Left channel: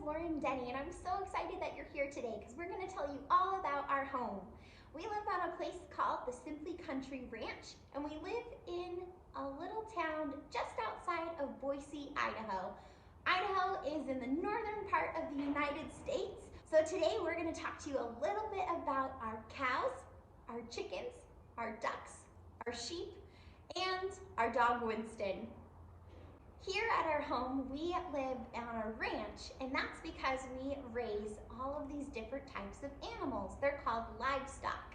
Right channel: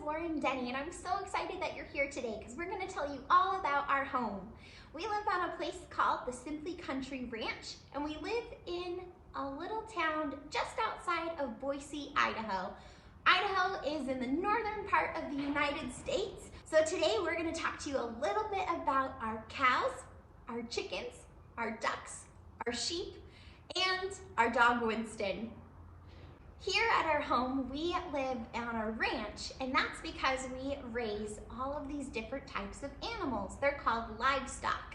Denny, and I'm so excited that you're here today because we're going to tell you all about our home. We live on a place called the Simply Country Ranch, and we live in a little town just outside of Boise, Idaho. Idaho is in the northern part of the United States. So today we're going to talk to you a little bit about our cows, our chickens, our ducks, our sheep, and our dog Winston. Here at our home, we live on a ranch, and that's because we raise all of these different types of animals. They're called livestock.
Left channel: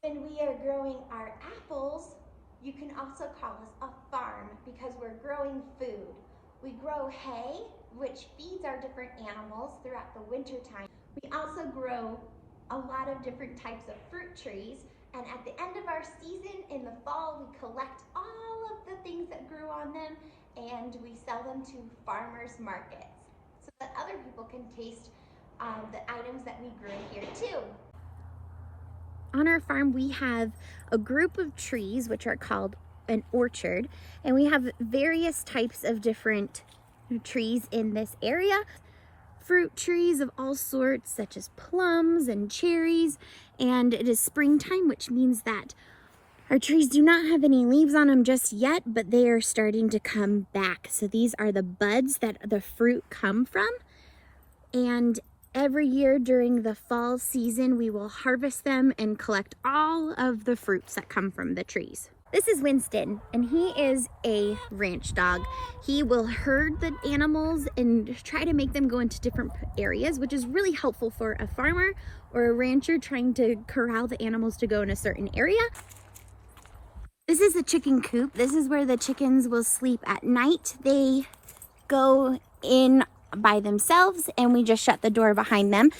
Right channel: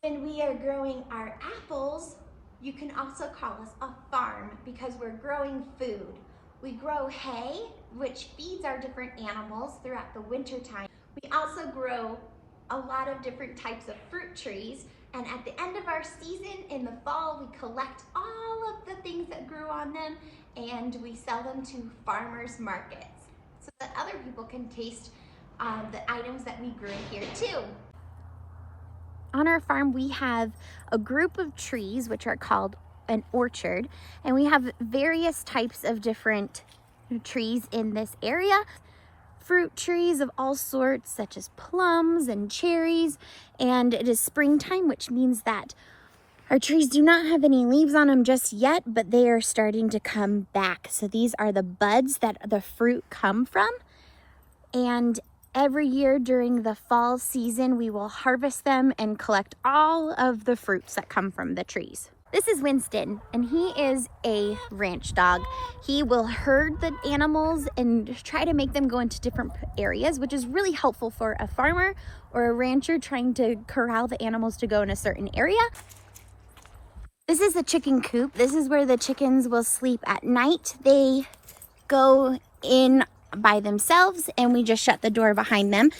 When we are growing our apples, you can also call us a farm because we're growing food. We grow hay, which feeds our different animals throughout the winter time. We also grow a lot of different types of fruit trees, and at the end of our season in the fall, we collect all of the things that grew on them and we sell them to farmers markets so that other people can taste the items that we grew here too. On our farm, we have a group of trees which are called an orchard, and we have various types of different trees in this area. Fruit trees of all sorts, such as plums and cherries, and it is springtime, which means that our trees do not have any leaves on them just yet, but they are starting to come back. So these are the buds that the fruit come from, and every year during the fall season, we will harvest them and collect all of the fruits that come from the trees. This is Winston, and he is a ranch dog. He will herd the animals and try to make them go into different areas, which is really helpful for a farmer or a rancher trying to corral the animals to go in a certain area. This is a chicken coop. This is where the chickens will sleep at night. They go in by themselves, and we just shut the door behind them.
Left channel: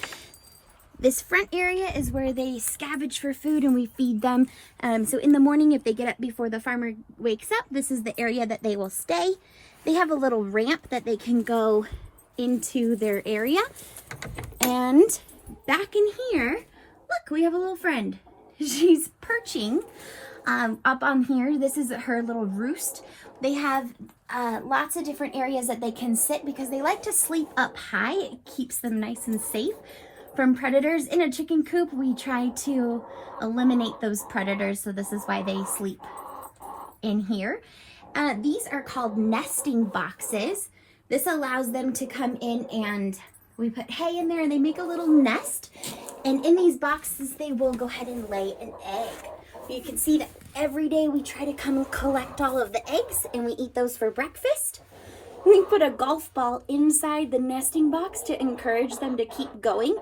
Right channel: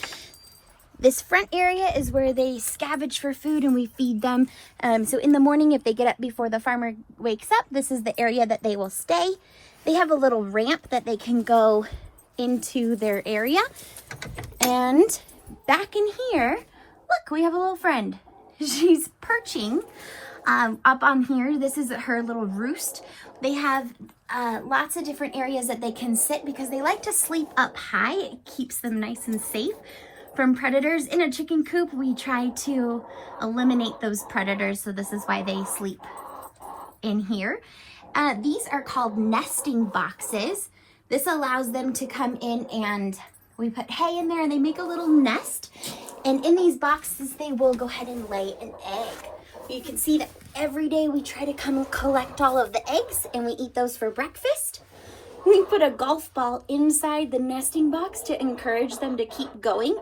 This front area is where they scavenge for food and we feed them. So in the morning, if they get up before the farmer wakes up, this is the area that they will stay. They have a little ramp that they can go into their area. And back in here, look, we have a little friend. She's perching up on here. This is her little roost. They have lots of different areas that they can sit because they like to sleep up high. It keeps them nice and safe from predators. In a chicken coop, we try to eliminate those predators, so this is why they sleep in here. These are called nesting boxes. This allows them to come in, and we put hay in there and they make a little nest, and in these boxes they will go ahead and lay an egg. You can see that every day we try to come and collect all of the eggs, and we eat those for breakfast. We put a golf ball inside the nesting box to encourage them to keep going,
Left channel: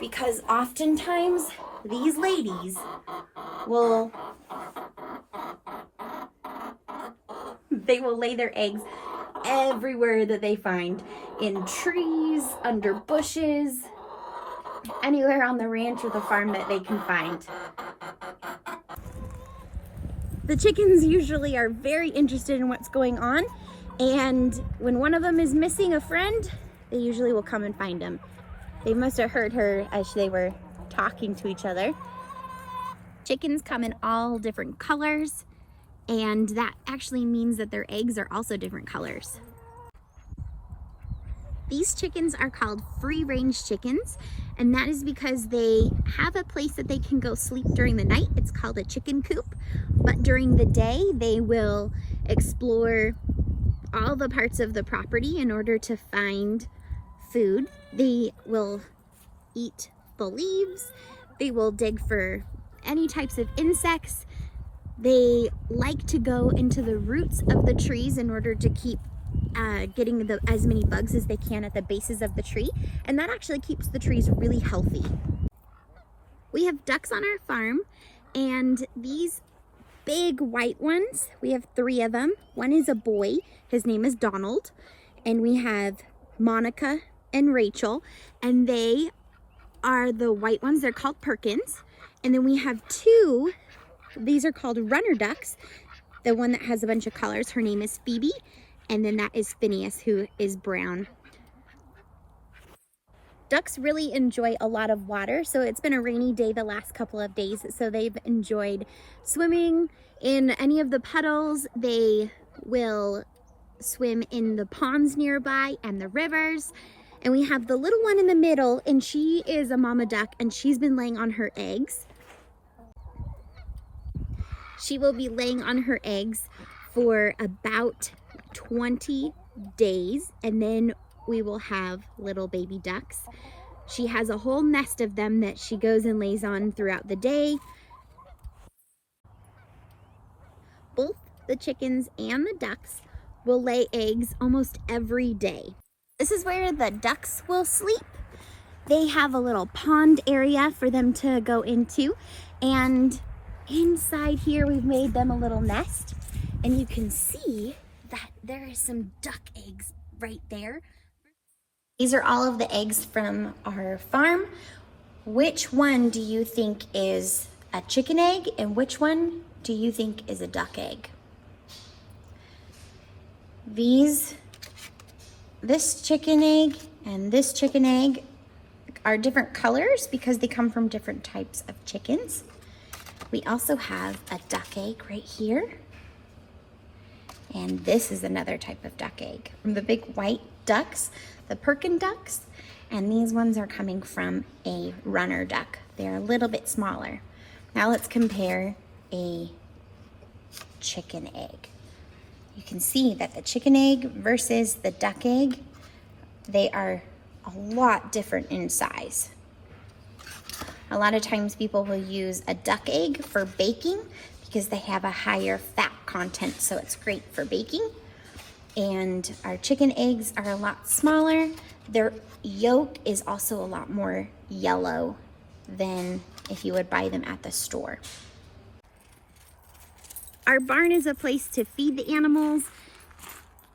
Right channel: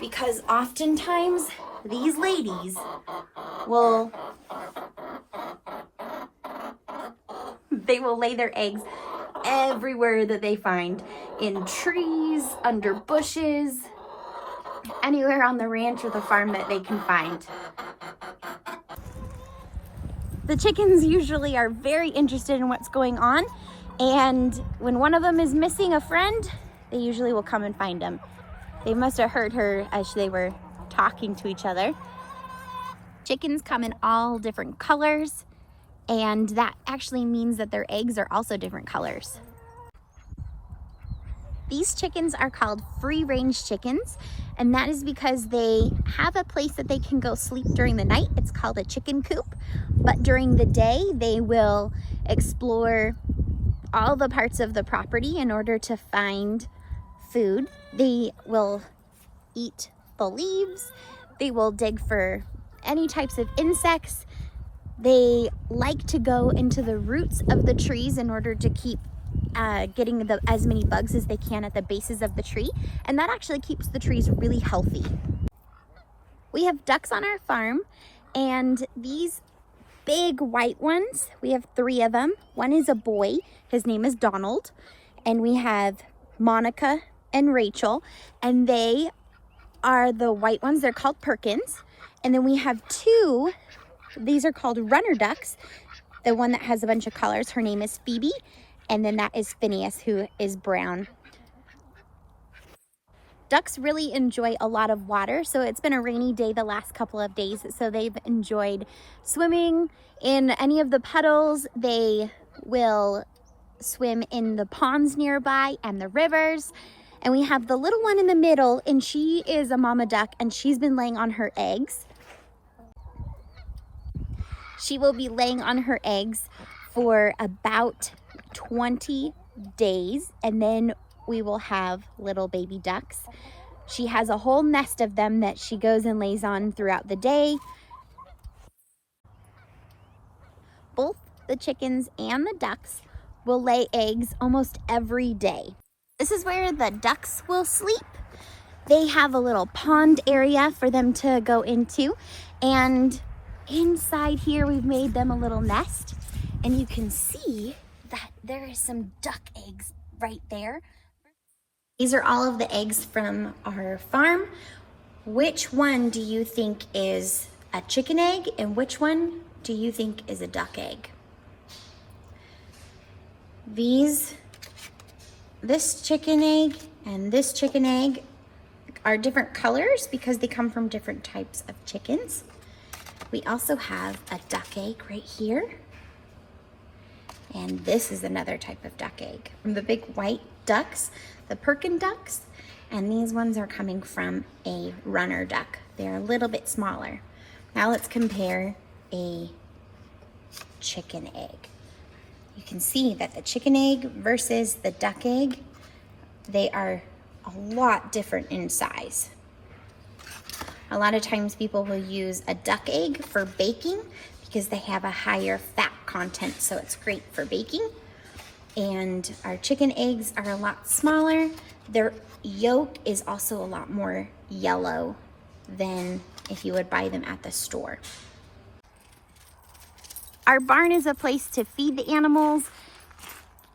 because oftentimes these ladies will lay their eggs everywhere that they find, in trees, under bushes, anywhere on the ranch or the farm that they can find. The chickens usually are very interested in what's going on, and when one of them is missing a friend, they usually will come and find them. They must have heard her as they were talking to each other. Chickens come in all different colors, and that actually means that their eggs are also different colors. These chickens are called free-range chickens, and that is because they have a place that they can go sleep during the night. It's called a chicken coop, but during the day they will explore all the parts of the property in order to find food. They will eat the leaves. They will dig for any types of insects. They like to go into the roots of the trees in order to keep getting as many bugs as they can at the bases of the tree, and that actually keeps the trees really healthy. We have ducks on our farm, and these big white ones, we have 3 of them. One is a boy, his name is Donald, and we have Monica and Rachel, and they are the white ones. They're called Perkins. And then we have 2, these are called runner ducks. The one that has a bunch of colors, her name is Phoebe, and then that is Phineas, who is brown. Ducks really enjoy a lot of water, so it's been a rainy day the last couple of days, so they've enjoyed swimming in any of the puddles. They will swim in the ponds nearby and the rivers, And we have the little one in the middle, and she is a mama duck, and she's been laying on her eggs. She will be laying on her eggs for about 20 days, and then we will have little baby ducks. She has a whole nest of them that she goes and lays on throughout the day. Both the chickens and the ducks will lay eggs almost every day. This is where the ducks will sleep. They have a little pond area for them to go into, and inside here we've made them a little nest, and you can see that there is some duck eggs right there. These are all of the eggs from our farm. Which one do you think is a chicken egg, and which one do you think is a duck egg? This chicken egg and this chicken egg are different colors because they come from different types of chickens. We also have a duck egg right here. And this is another type of duck egg. From the big white ducks, the Perkin ducks, and these ones are coming from a runner duck. They're a little bit smaller. Now let's compare a chicken egg. You can see that the chicken egg versus the duck egg, they are a lot different in size. A lot of times people will use a duck egg for baking because they have a higher fat content, so it's great for baking. And our chicken eggs are a lot smaller. Their yolk is also a lot more yellow than if you would buy them at the store. Our barn is a place to feed the animals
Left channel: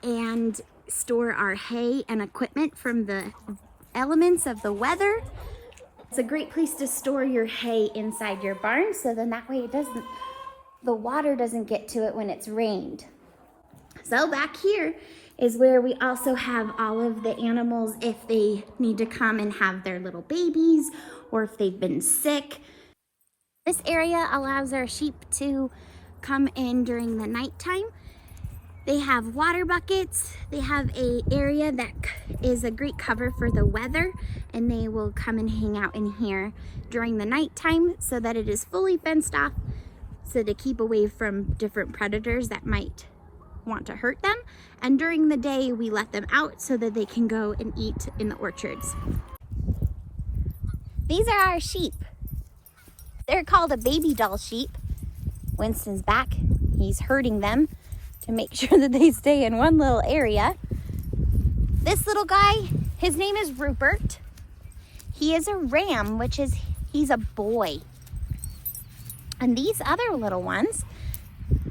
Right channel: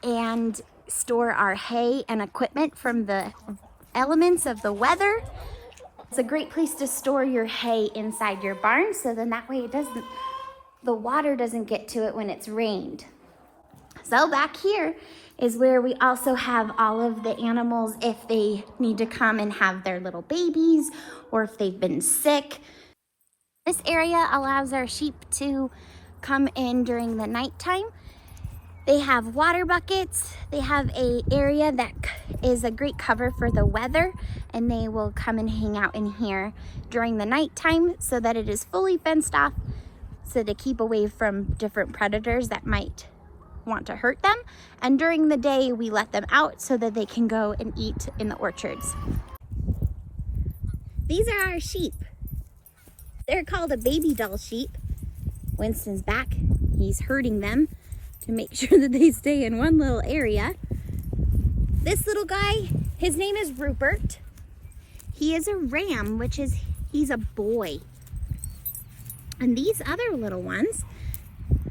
and store our hay and equipment from the elements of the weather. It's a great place to store your hay inside your barn, so then that way the water doesn't get to it when it's rained. So back here is where we also have all of the animals if they need to come and have their little babies or if they've been sick. This area allows our sheep to come in during the nighttime. They have water buckets. They have an area that is a great cover for the weather, and they will come and hang out in here during the nighttime so that it is fully fenced off, so to keep away from different predators that might want to hurt them. And during the day, we let them out so that they can go and eat in the orchards. These are our sheep. They're called a baby doll sheep. Winston's back. He's herding them to make sure that they stay in one little area. This little guy, his name is Rupert. He is a ram, he's a boy. And these other little ones,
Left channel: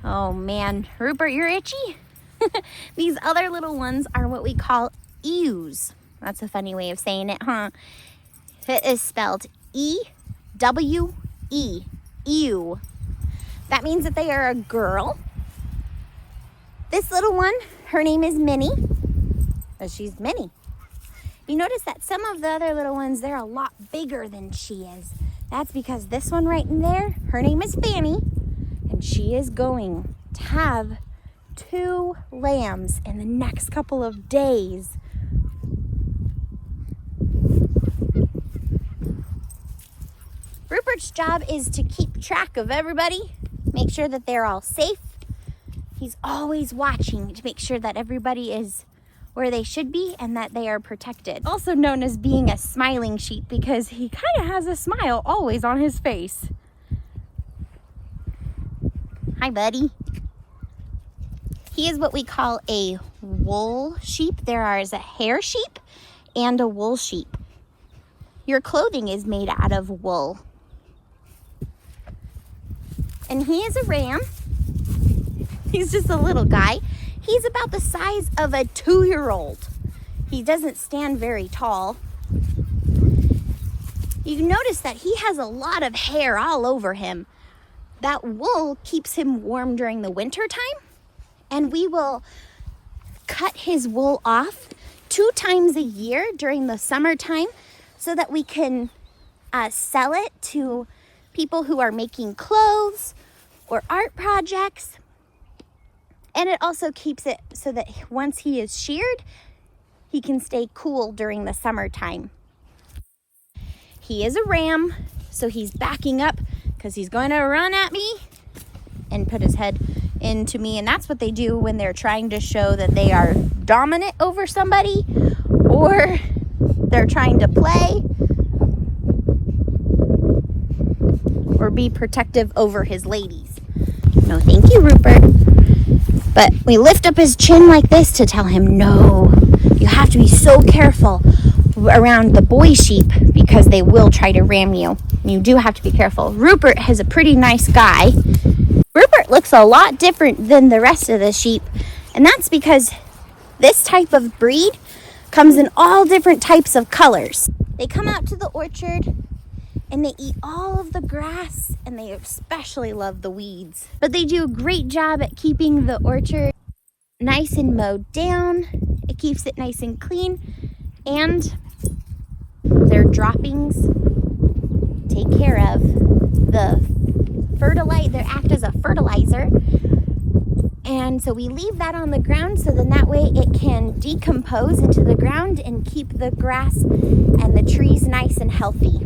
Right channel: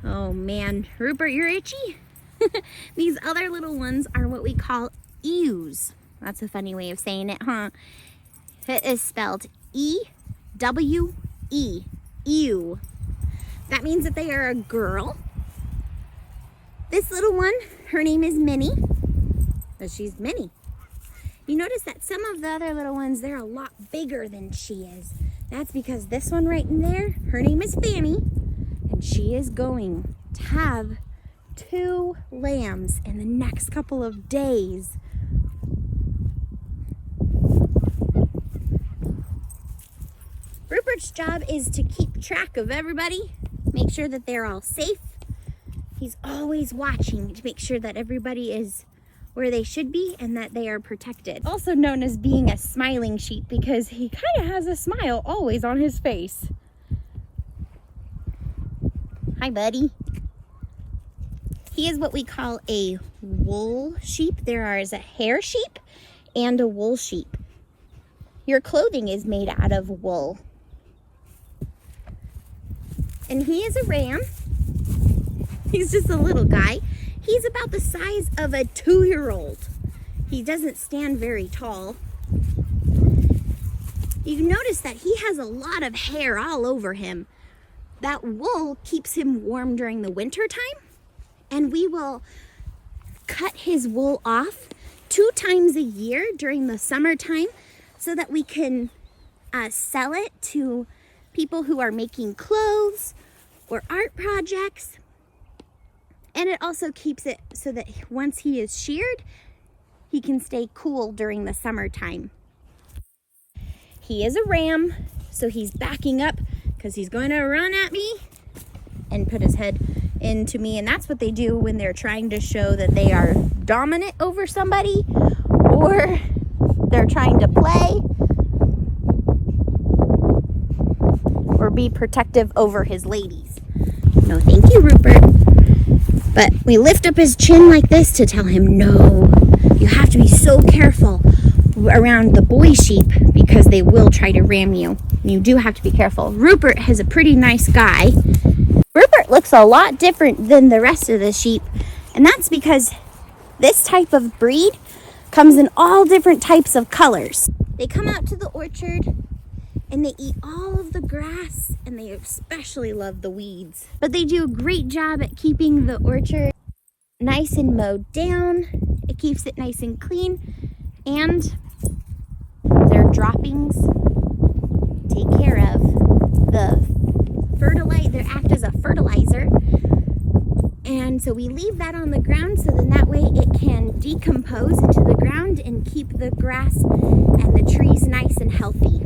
oh man, Rupert, you're itchy? These other little ones are what we call ewes. That's a funny way of saying it, huh? It is spelled E-W-E, ewe. That means that they are a girl. This little one, her name is Minnie, but she's Minnie. You notice that some of the other little ones, they're a lot bigger than she is. That's because this one right in there, her name is Fanny, and she is going to have 2 lambs in the next couple of days. Rupert's job is to keep track of everybody, make sure that they're all safe. He's always watching to make sure that everybody is where they should be and that they are protected. Also known as being a smiling sheep because he kind of has a smile always on his face. Hi, buddy. He is what we call a wool sheep. There is a hair sheep and a wool sheep. Your clothing is made out of wool. And he is a ram. He's just a little guy. He's about the size of a 2-year-old. He doesn't stand very tall. You notice that he has a lot of hair all over him. That wool keeps him warm during the winter time, and we will cut his wool off 2 times a year during the summertime so that we can sell it to people who are making clothes or art projects. And it also keeps it so that once he is sheared, he can stay cool during the summertime. He is a ram, so he's backing up because he's going to run at me and put his head into me. And that's what they do when they're trying to show that they are dominant over somebody, or they're trying to play or be protective over his ladies. No, thank you, Rupert. But we lift up his chin like this to tell him, no, you have to be so careful around the boy sheep because they will try to ram you. You do have to be careful. Rupert is a pretty nice guy. Rupert looks a lot different than the rest of the sheep, and that's because this type of breed comes in all different types of colors. They come out to the orchard and they eat all of the grass, and they especially love the weeds. But they do a great job at keeping the orchard nice and mowed down. It keeps it nice and clean, and their droppings take care of the fertilizer. They act as a fertilizer. And so we leave that on the ground so then that way it can decompose into the ground and keep the grass and the trees nice and healthy.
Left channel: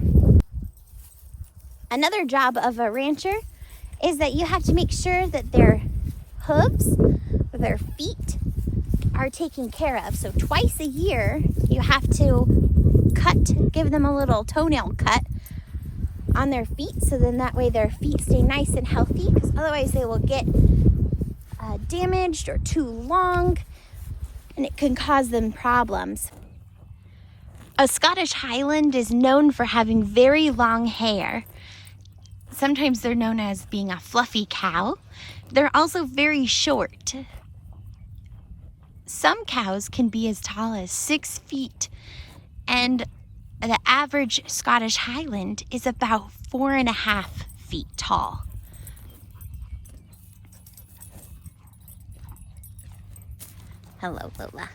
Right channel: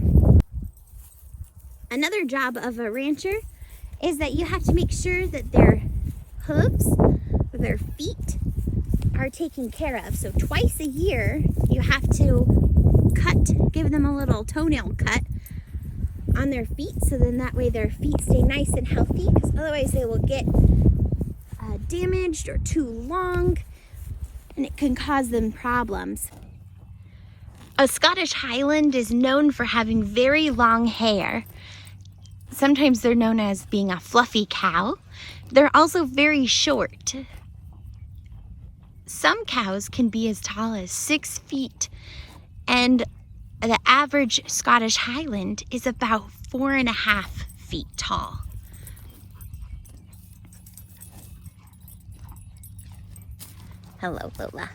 Another job of a rancher is that you have to make sure that their hooves, or their feet, are taken care of. So twice a year you have to give them a little toenail cut on their feet, so then that way their feet stay nice and healthy, because otherwise they will get damaged or too long, and it can cause them problems. A Scottish Highland is known for having very long hair. Sometimes they're known as being a fluffy cow. They're also very short. Some cows can be as tall as 6 feet, and the average Scottish Highland is about 4.5 feet tall. Hello, Lola.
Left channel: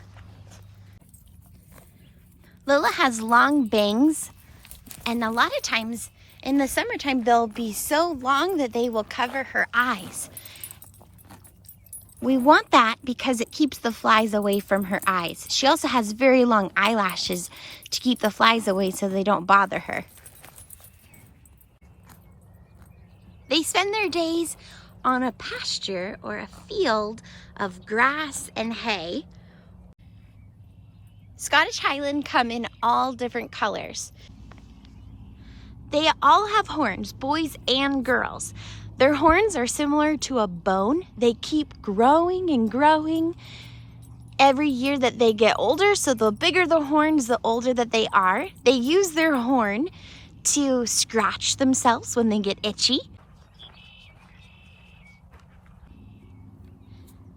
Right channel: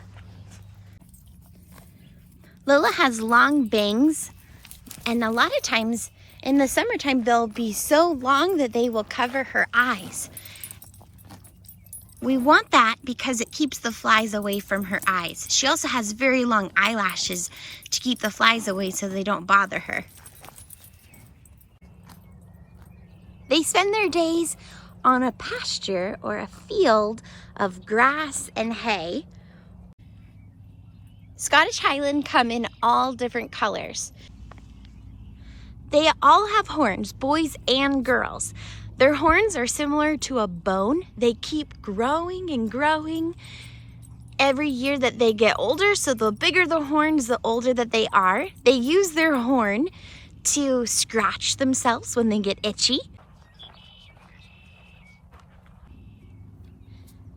Lola has long bangs, and a lot of times in the summertime they'll be so long that they will cover her eyes. We want that because it keeps the flies away from her eyes. She also has very long eyelashes to keep the flies away so they don't bother her. They spend their days on a pasture or a field of grass and hay. Scottish Highland come in all different colors. They all have horns, boys and girls. Their horns are similar to a bone. They keep growing and growing every year that they get older. So the bigger the horns, the older that they are. They use their horn to scratch themselves when they get itchy.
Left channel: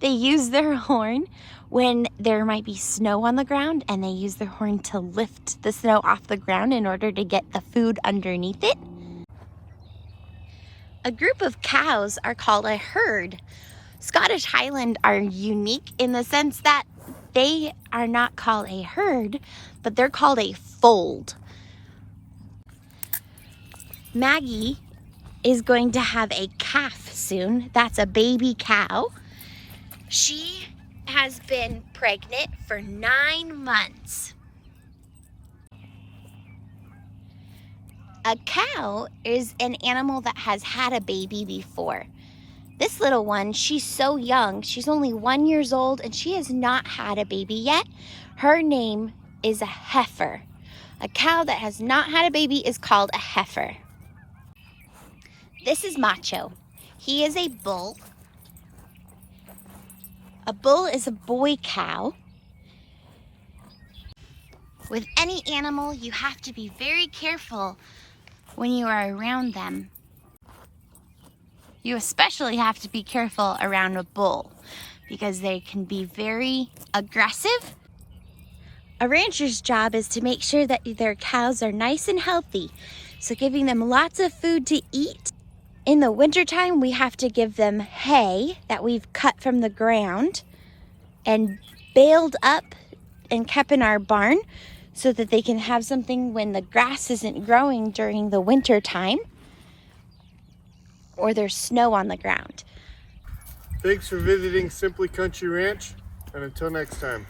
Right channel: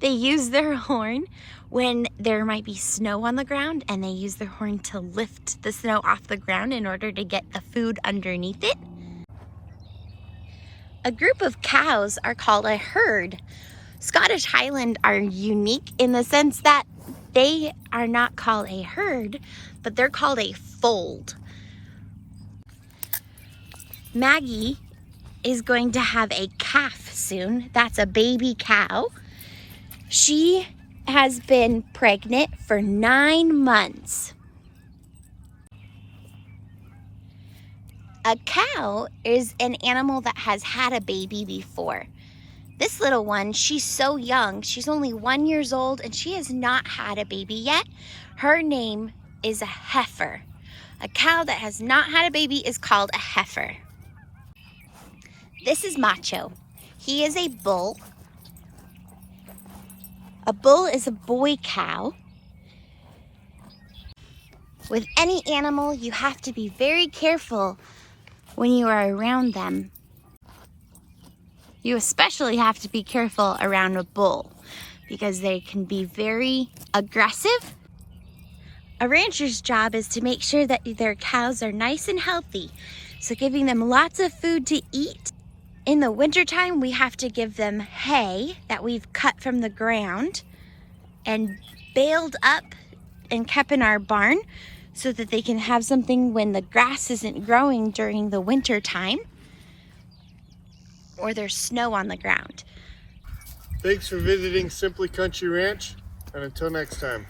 They use their horn when there might be snow on the ground, and they use their horn to lift the snow off the ground in order to get the food underneath it. A group of cows are called a herd. Scottish Highland are unique in the sense that they are not called a herd, but they're called a fold. Maggie is going to have a calf soon. That's a baby cow. She has been pregnant for 9 months. A cow is an animal that has had a baby before. This little one, she's so young. She's only 1 year old and she has not had a baby yet. Her name is a heifer. A cow that has not had a baby is called a heifer. This is Macho. He is a bull. A bull is a boy cow. With any animal, you have to be very careful when you are around them. You especially have to be careful around a bull because they can be very aggressive. A rancher's job is to make sure that their cows are nice and healthy, so giving them lots of food to eat. In the wintertime, we have to give them hay that we've cut from the ground and baled up and kept in our barn so that they can have something when the grass isn't growing during the winter time or there's snow on the ground. Thanks for visiting Simply Country Ranch, and until next time.